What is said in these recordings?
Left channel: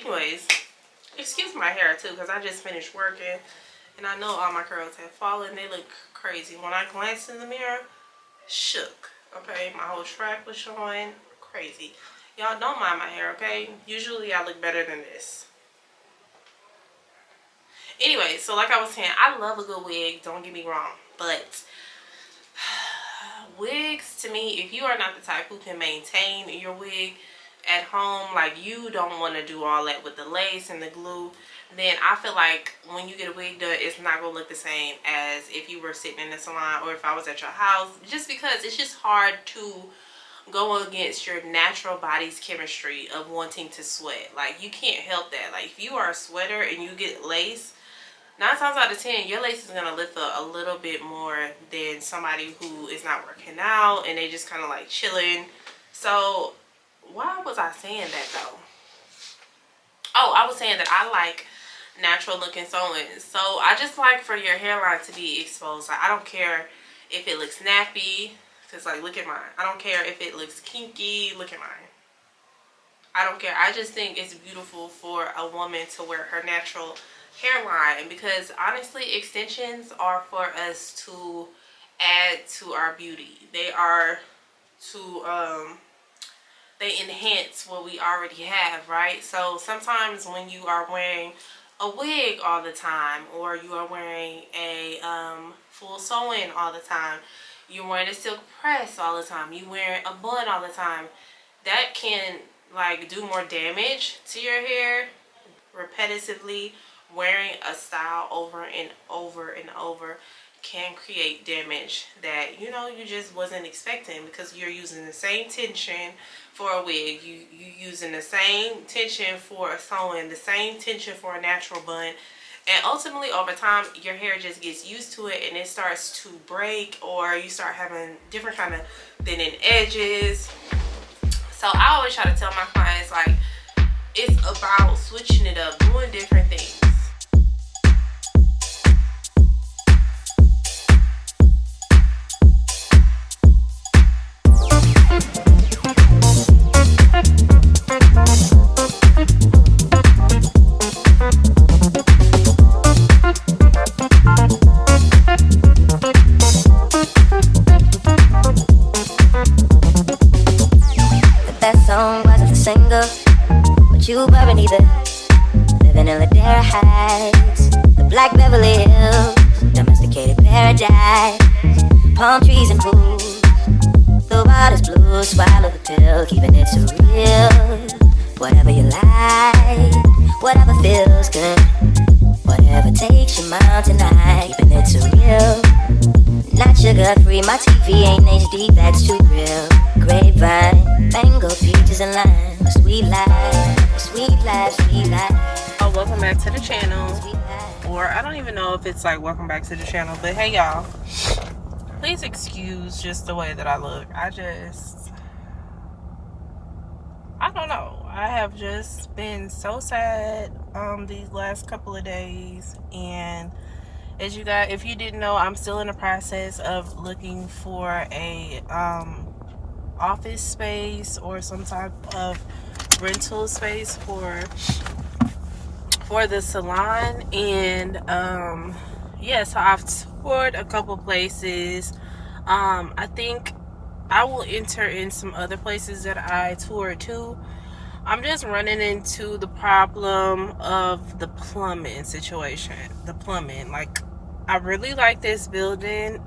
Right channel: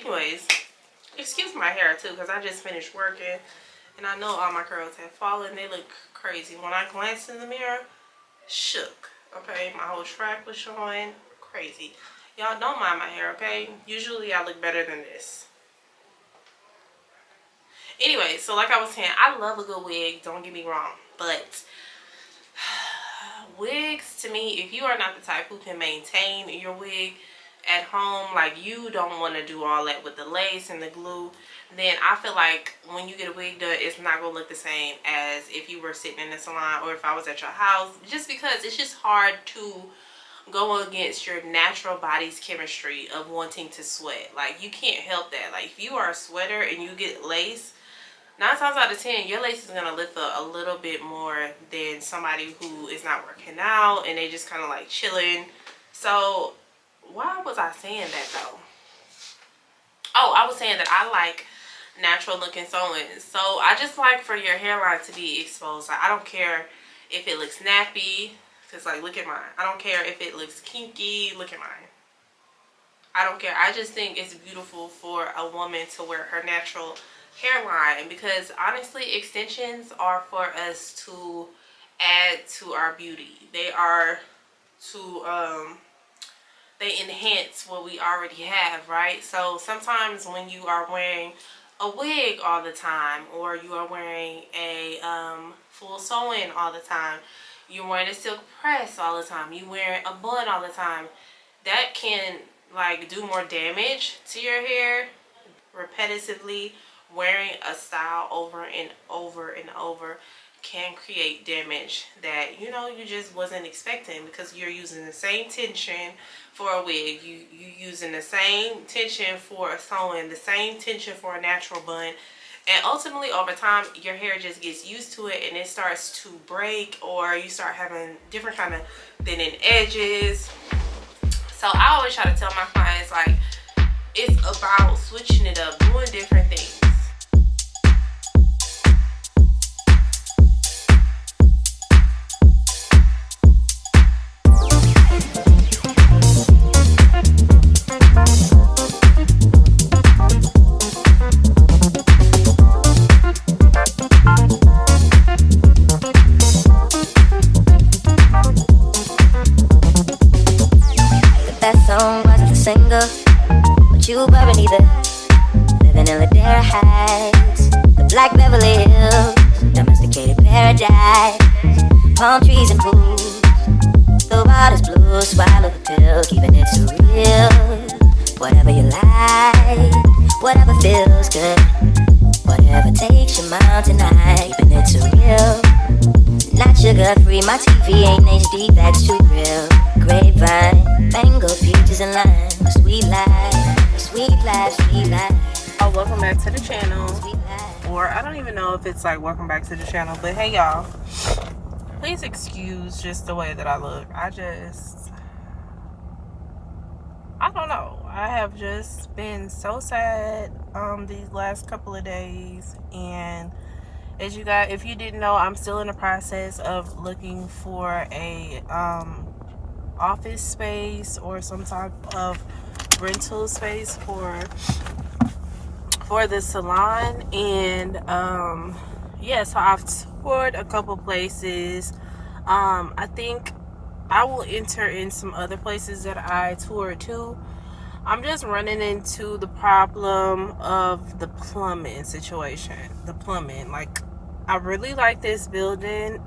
anyways, excuse my hair too, because I just finished working and I know all my curls have fallen. They look crazy. When I glanced in the mirror, shook. Okay, my whole track was showing. Crazy. Y'all don't mind my hair, okay? Usually I look better than this. Anyway, so like I was saying, I love a good wig, don't get me wrong, but wigs, to me, if you are not the type who can maintain your wig at home, like you don't want to do all that with the lace and the glue, then I feel like when you get a wig done, it's not going to look the same as if you were sitting in the salon or if I was at your house, just because it's just hard to go against your natural body's chemistry of wanting to sweat. Like, you can't help that. Like, if you are a sweater and you get lace, 9 times out of 10, your lace is going to lift up a little bit more than somebody who is not working out and they just kind of like chilling. So, why was I saying that though? Oh, I was saying that I like natural looking sewing. So, I just like for your hairline to be exposed. Like, I don't care if it looks nappy, because like, look at mine. I don't care if it looks kinky, look at mine. I don't care. I just think it's beautiful for a woman to wear her natural hairline, because honestly, extensions are for us to add to our beauty. They are to they enhance what we already have, right? So sometimes when you are wearing a wig all the time, or you are wearing a full sew-in all the time, you're wearing a silk press all the time, you wearing a bun all the time, that can like do more damage to your hair repetitively. Wearing a style over and over and over can create damage that, you know, you just wasn't expecting, because you're using the same tension for a wig, you using the same tension for a sew-in, the same tension for a natural bun, and ultimately over time your hair just gets used to it and it starts to break, or you start having different kind of thinning edges. So I always try to tell my clients, like, it's about switching it up, doing different things. You weren't either. Living in Ladera Heights, the Black Beverly Hills, domesticated paradise, palm trees and pools. The water's blue, swallow the pill, keeping it surreal. Whatever you like, whatever feels good, whatever takes your mountain high, keeping it surreal. Not sugar free, my TV ain't HD, that's too real. Grapevine, mango, peaches and lime, sweet life. Sweet life, sweet life. Oh, welcome back to the channel. Or I don't even know if it's like welcome back to the channel, but hey y'all, please excuse just the way that I look. I don't know. I have just been so sad these last couple of days, and as you guys, if you didn't know, I'm still in the process of looking for a office space or some type of rental space for the salon. And yeah, so I've toured a couple places. I think I will enter in some other places that I toured too. I'm just running into the problem of the plumbing situation. The plumbing, like, I really like this building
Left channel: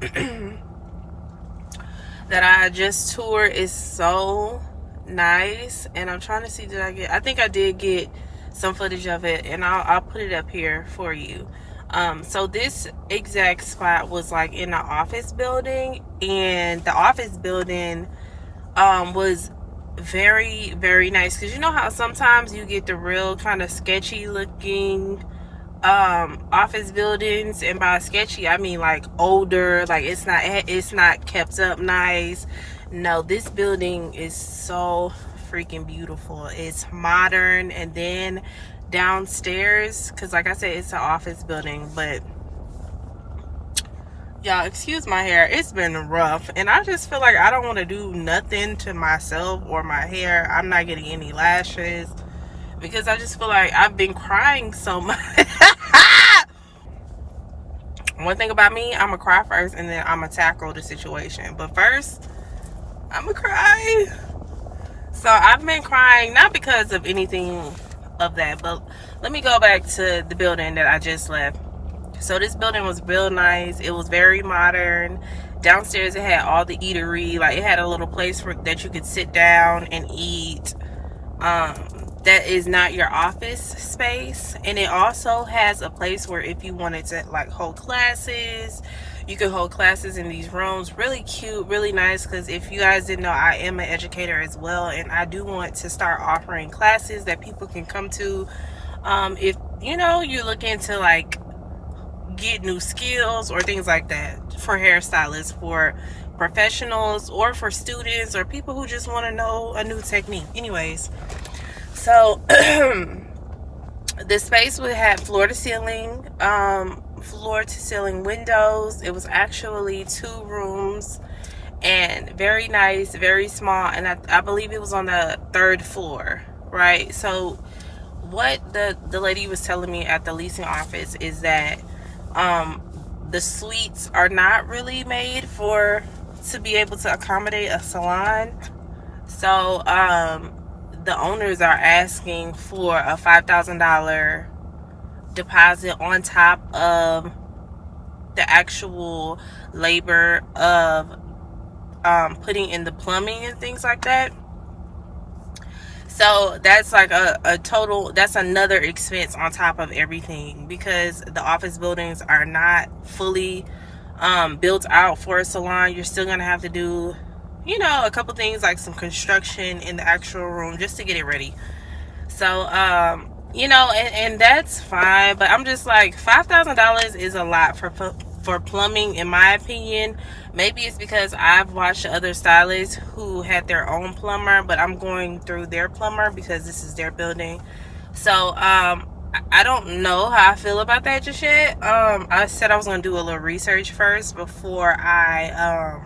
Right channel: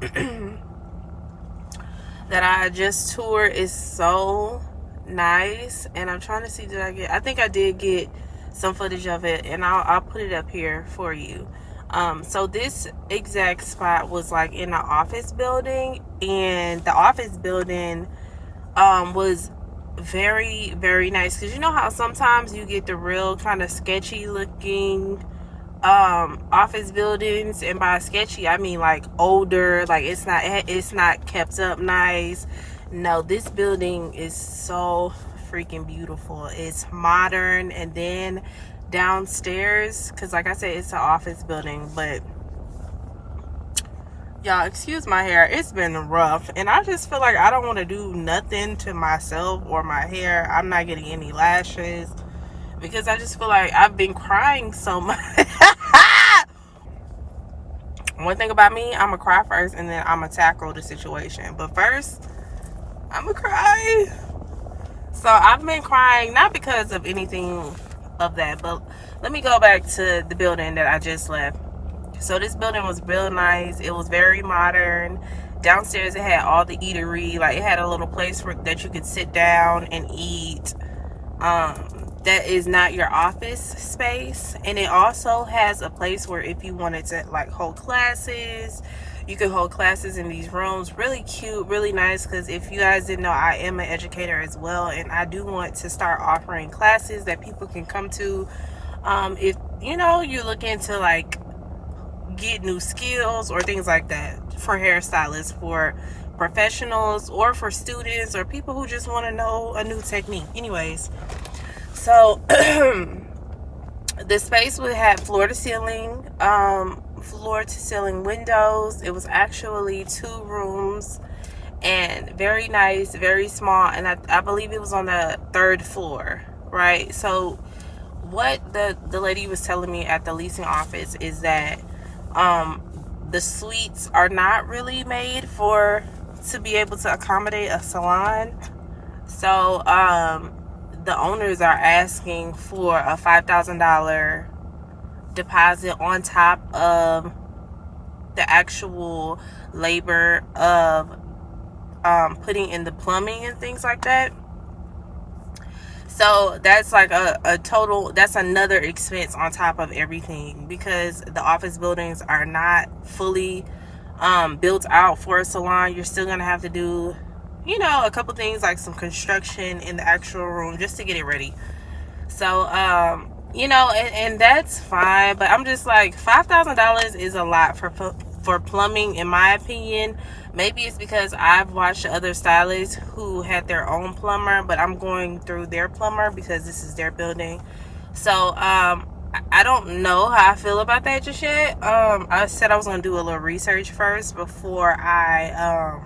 that I just toured. Is so nice, and I'm trying to see, I think I did get some footage of it, and I'll put it up here for you. So this exact spot was like in the office building, and the office building was very, very nice, because you know how sometimes you get the real kind of sketchy looking office buildings, and by sketchy I mean like older, like it's not kept up nice. No, this building is so freaking beautiful. It's modern. And then downstairs, because like I said, it's an office building, but y'all, excuse my hair, it's been rough, and I just feel like I don't want to do nothing to myself or my hair. I'm not getting any lashes, because I just feel like I've been crying so much. One thing about me, I'm gonna cry first and then I'm gonna tackle the situation. But first, I'm gonna cry. So I've been crying, not because of anything of that, but let me go back to the building that I just left. So this building was real nice. It was very modern. Downstairs it had all the eatery. Like, it had a little place that you could sit down and eat. That is not your office space. And it also has a place where if you wanted to like hold classes, you can hold classes in these rooms. Really cute, really nice, because if you guys didn't know, I am an educator as well, and I do want to start offering classes that people can come to. If you know you're looking to like get new skills or things like that, for hairstylists, for professionals, or for students, or people who just want to know a new technique. Anyways, so the space would have floor to ceiling windows. It was actually 2 rooms, and very nice, very small, and I believe it was on the 3rd floor, right? So what the lady was telling me at the leasing office is that the suites are not really made to be able to accommodate a salon. So the owners are asking for a $5,000 deposit on top of the actual labor of putting in the plumbing and things like that. So that's like a total, that's another expense on top of everything, because the office buildings are not fully built out for a salon. You're still gonna have to do, you know, a couple things like some construction in the actual room just to get it ready. So you know, and that's fine, but I'm just like, $5,000 is a lot for plumbing, in my opinion. Maybe it's because I've watched other stylists who had their own plumber, but I'm going through their plumber because this is their building. So I don't know how I feel about that just yet. I said I was gonna do a little research first before I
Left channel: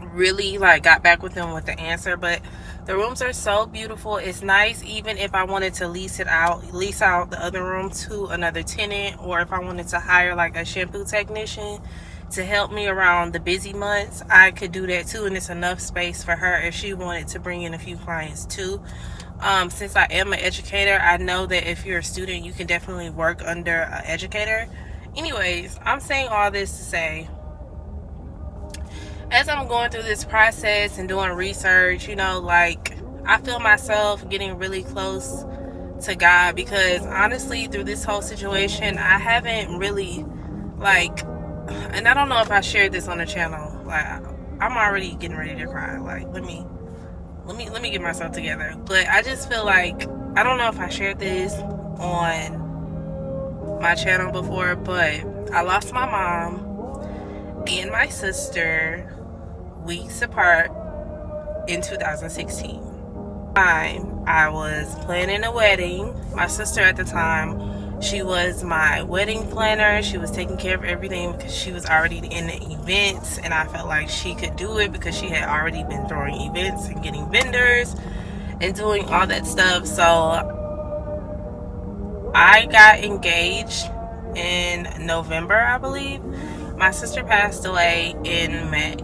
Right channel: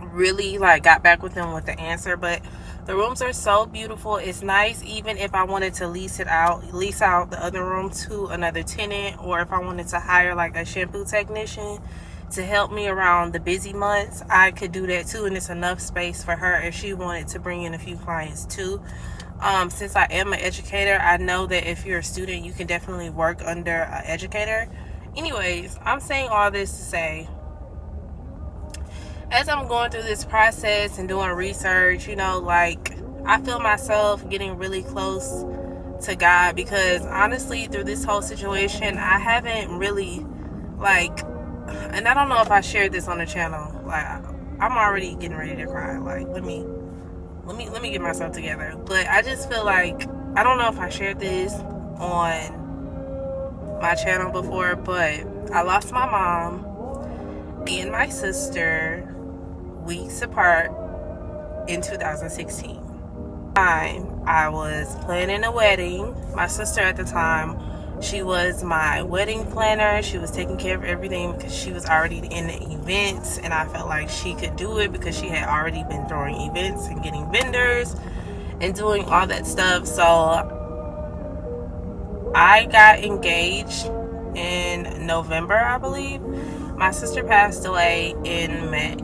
really like got back with them with the answer. But the rooms are so beautiful. It's nice. Even if I wanted to lease out the other room to another tenant, or if I wanted to hire like a shampoo technician to help me around the busy months, I could do that too. And it's enough space for her if she wanted to bring in a few clients too. Since I am an educator, I know that if you're a student, you can definitely work under an educator. Anyways, I'm saying all this to say, as I'm going through this process and doing research, you know, like, I feel myself getting really close to God, because honestly, through this whole situation, I haven't really, like, and I don't know if I shared this on the channel, like, I'm already getting ready to cry. Like, let me get myself together. But I just feel like, I don't know if I shared this on my channel before, but I lost my mom and my sister weeks apart in 2016. I was planning a wedding. My sister at the time, she was my wedding planner. She was taking care of everything because she was already in the events, and I felt like she could do it because she had already been throwing events and getting vendors and doing all that stuff. So I got engaged in November, I believe. My sister passed away in May.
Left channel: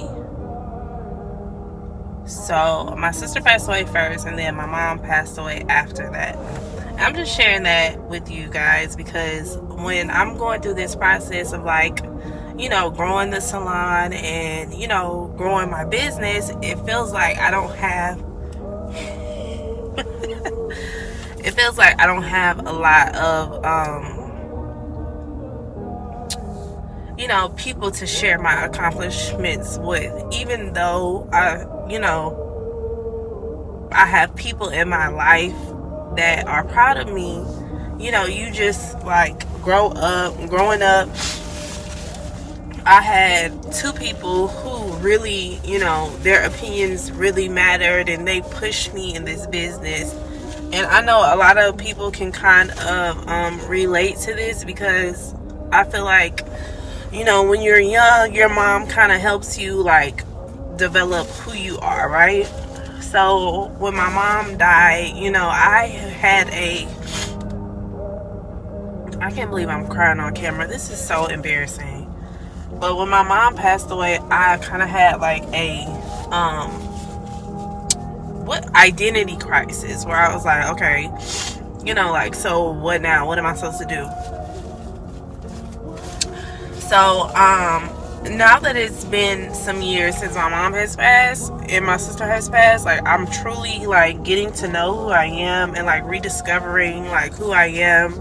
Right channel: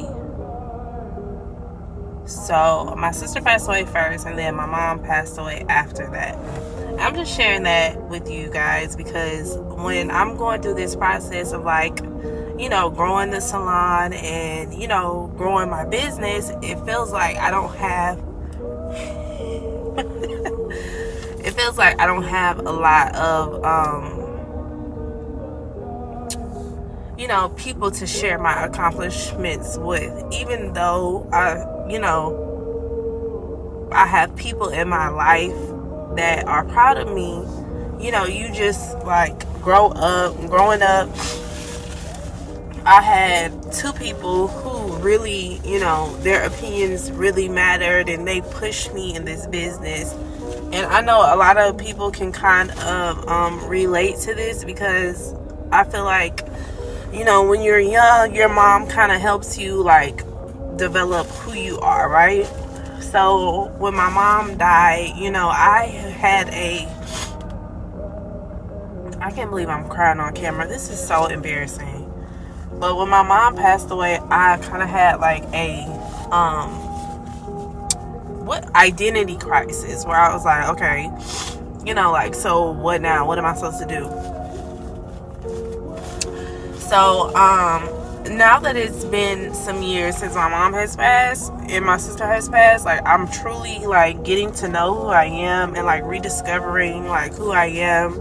So my sister passed away first, and then my mom passed away after that. I'm just sharing that with you guys because when I'm going through this process of, like, you know, growing the salon and, you know, growing my business, it feels like I don't have it feels like I don't have a lot of you know, people to share my accomplishments with, even though I have people in my life that are proud of me. You know, you just like growing up, I had 2 people who really, you know, their opinions really mattered, and they pushed me in this business. And I know a lot of people can kind of relate to this, because I feel like, you know, when you're young, your mom kind of helps you like develop who you are, right? So when my mom died, I can't believe I'm crying on camera. This is so embarrassing. But when my mom passed away, I kind of had like a identity crisis, where I was like, okay, so what now? What am I supposed to do? So now that it's been some years since my mom has passed and my sister has passed, like, I'm truly like getting to know who I am and like rediscovering like who I am,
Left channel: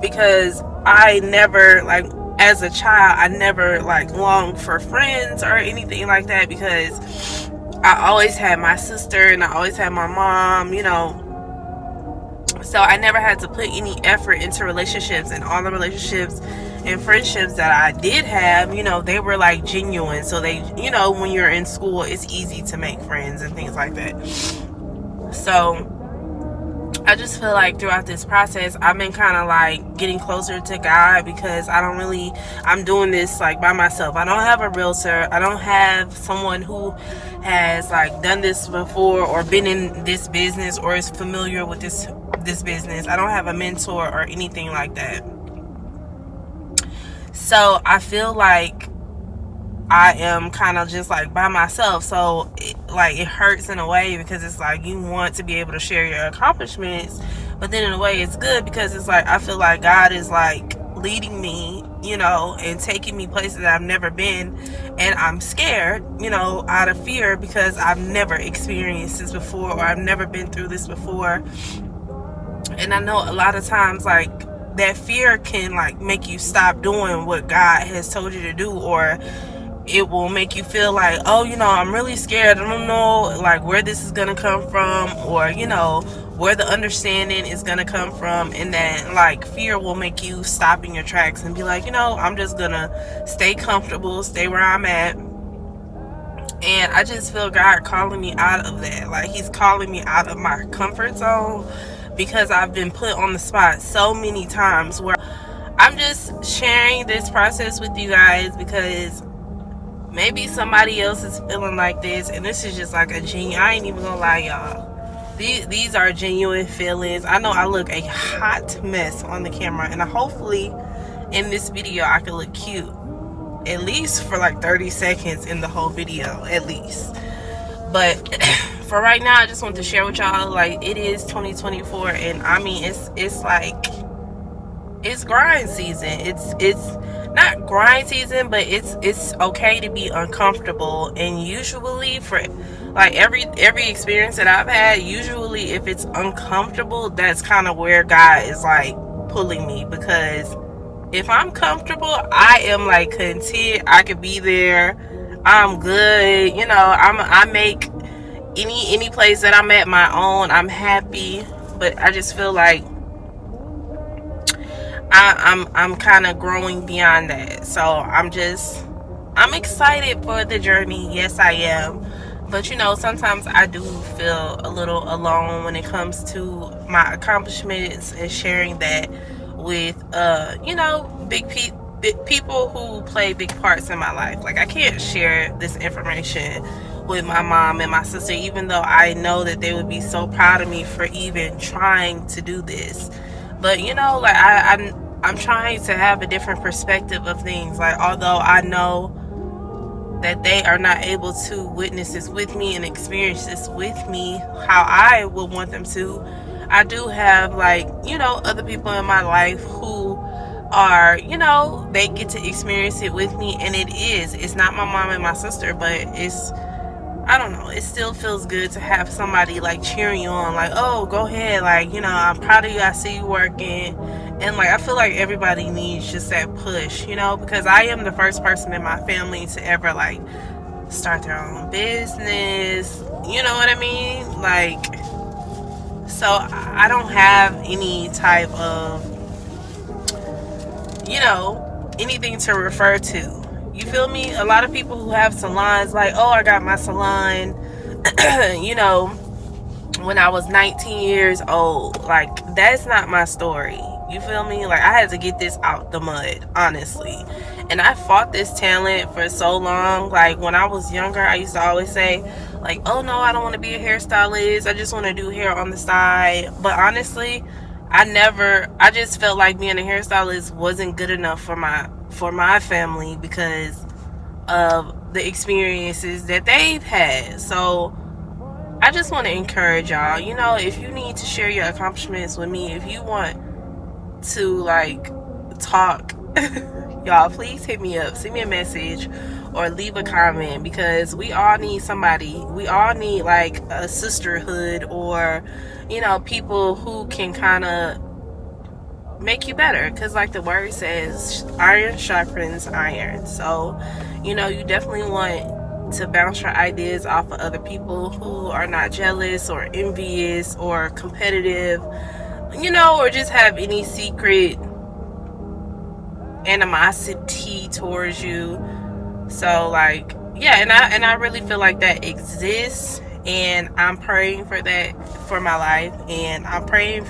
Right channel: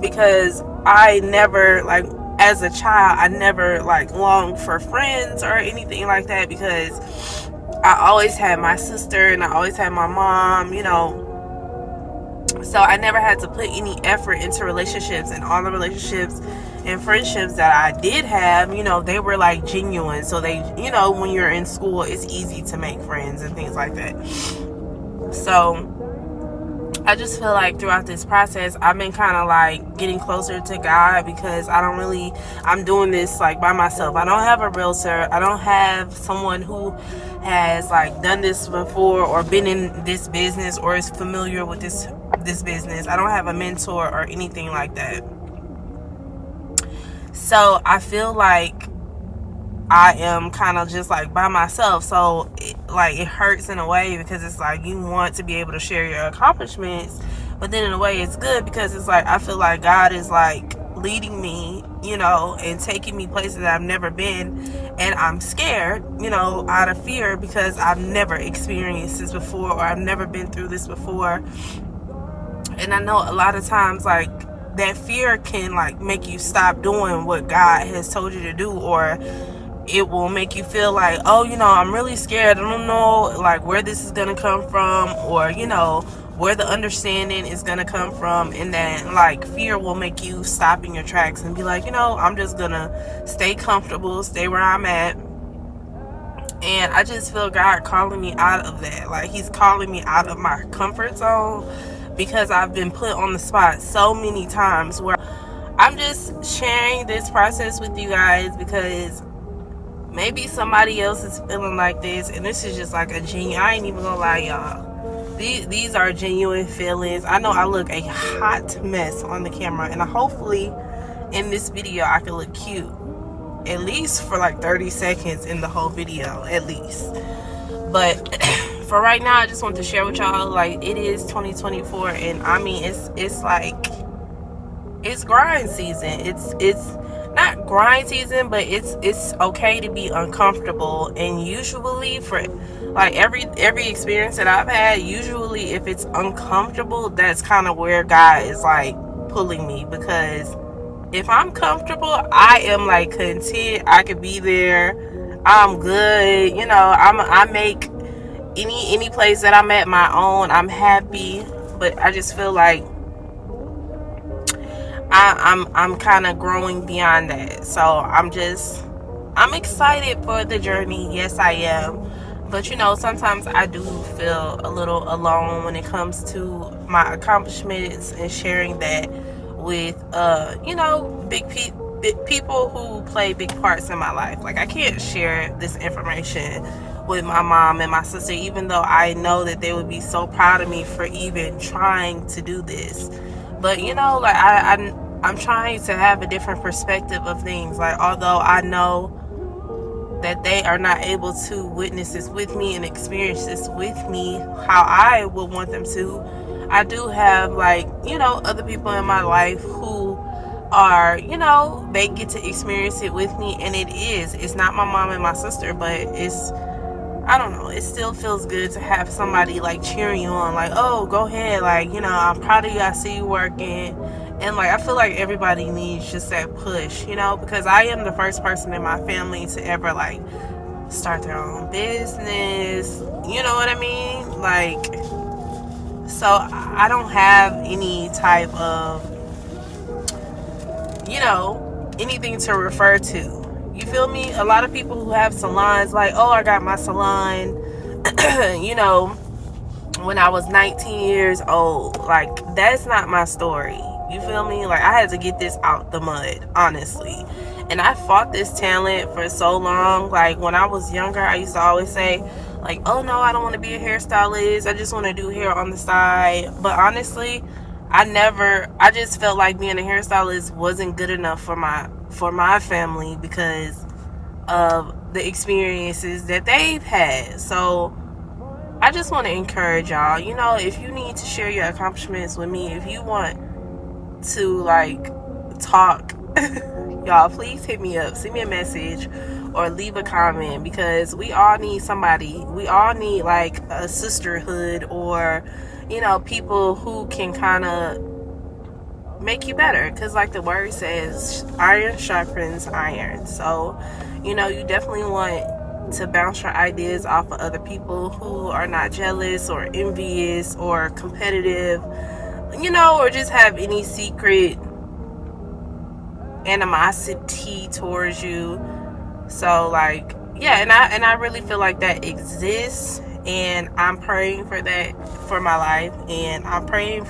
because I never, like, as a child, I never like longed for friends or anything like that, because I always had my sister and I always had my mom, so I never had to put any effort into relationships, and all the relationships and friendships that I did have, they were like genuine. So they, when you're in school, it's easy to make friends and things like that. So I just feel like throughout this process, I've been kind of like getting closer to God, because I'm doing this like by myself. I don't have a realtor. I don't have someone who has like done this before or been in this business or is familiar with this business. I don't have a mentor or anything like that. So I feel like I am kind of just like by myself. So it hurts in a way, because it's like you want to be able to share your accomplishments, but then in a way it's good, because it's like I feel like God is like leading me, and taking me places that I've never been, and I'm scared, out of fear, because I've never experienced this before, or I've never been through this before. And I know a lot of times like that fear can like make you stop doing what God has told you to do, or it will make you feel like, oh, I'm really scared. I don't know like where this is gonna come from, or where the understanding is gonna come from. And then like fear will make you stop in your tracks and be like, I'm just gonna stay comfortable, stay where I'm at. And I just feel God calling me out of that. Like he's calling me out of my comfort zone, because I've been put on the spot so many times, where I'm just sharing this process with you guys, because maybe somebody else is feeling like this, and this is just like a genuine, I ain't even gonna lie, y'all, these are genuine feelings. I know I look a hot mess on the camera, and hopefully in this video I can look cute, at least for like 30 seconds in the whole video, at least. But for right now, I just want to share with y'all, like, it is 2024, and I mean, it's like, it's grind season. It's not grind season, but it's okay to be uncomfortable. And usually for like every experience that I've had, usually if it's uncomfortable, that's kind of where God is like pulling me, because if I'm comfortable, I am like content. I could be there. I'm good. I make any place that I'm at my own. I'm happy. But I just feel like I'm kind of growing beyond that. So I'm excited for the journey. Yes, I am. But sometimes I do feel a little alone when it comes to my accomplishments and sharing that with big people who play big parts in my life. Like, I can't share this information with my mom and my sister, even though I know that they would be so proud of me for even trying to do this. But like I'm trying to have a different perspective of things. Like, although I know that they are not able to witness this with me and experience this with me how I would want them to, I do have like other people in my life who are they get to experience it with me. And it's not my mom and my sister, but I don't know, it still feels good to have somebody like cheering you on, like, oh, go ahead, like, I'm proud of you, I see you working. And like, I feel like everybody needs just that push, because I am the first person in my family to ever like start their own business, you know what I mean? Like, so I don't have any type of anything to refer to. You feel me? A lot of people who have salons, like, oh, I got my salon, when I was 19 years old. Like, that's not my story. You feel me? Like, I had to get this out the mud, honestly. And I fought this talent for so long. Like when I was younger, I used to always say, like, oh no, I don't want to be a hairstylist. I just want to do hair on the side. But honestly, I just felt like being a hairstylist wasn't good enough for my family because of the experiences that they've had. So I just want to encourage y'all, if you need to share your accomplishments with me, if you want to like talk, y'all, please hit me up, send me a message or leave a comment, because we all need somebody. We all need like a sisterhood, or people who can kind of make you better, because like the word says, iron sharpens iron. So you definitely want to bounce your ideas off of other people who are not jealous or envious or competitive, or just have any secret animosity towards you. So like, yeah, and I really feel like that exists, and I'm praying for that for my life, and I'm praying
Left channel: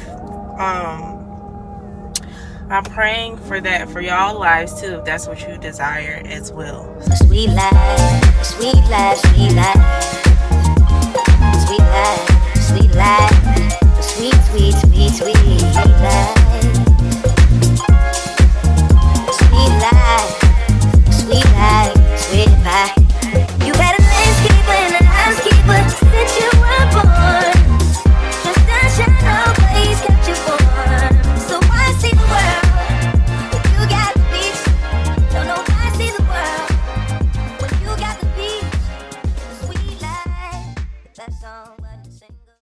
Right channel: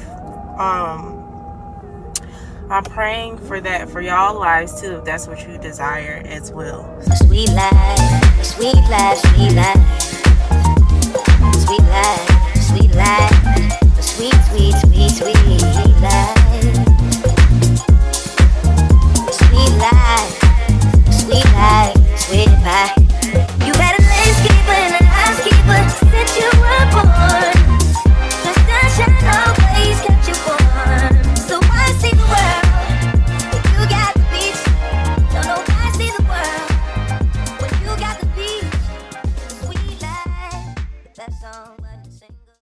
for that for y'all lives too, if that's what you desire as well. Sweet life, sweet life, sweet life, sweet life, sweet life, sweet, sweet, sweet, sweet life, sweet life, sweet life, sweet pie. You had a landscaper and a housekeeper since you were born. The sunshine always kept you warm. So why see the world when you got the beach? Don't know why see the world when you got the beach. The sweet life, the best song.